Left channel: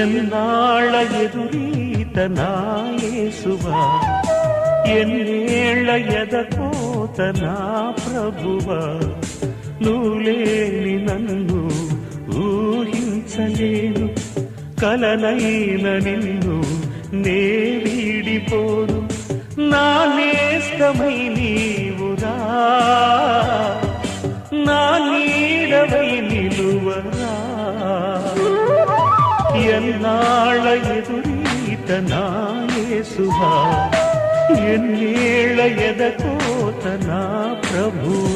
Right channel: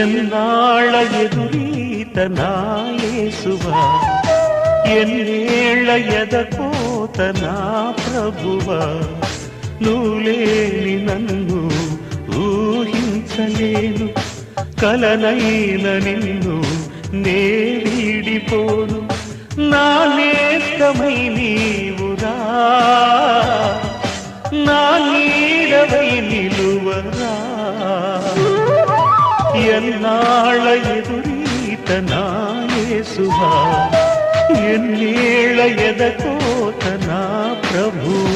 ఎన్నాళ్ళ ఎదురీత నా యేసువా, ఎన్నేళ్ళ ఎదకోత నా ప్రభువా, నువ్వు లేని నన్ను ఊహించలేను, కలనైన నిన్ను నే వీడిపోను, నా నేస్తమై నీవురా, నా నీడవై నిలువరా. ఎన్నాళ్ళ ఎదురీత నా యేసువా, ఎన్నేళ్ళ ఎదకోత నా ప్రభువా.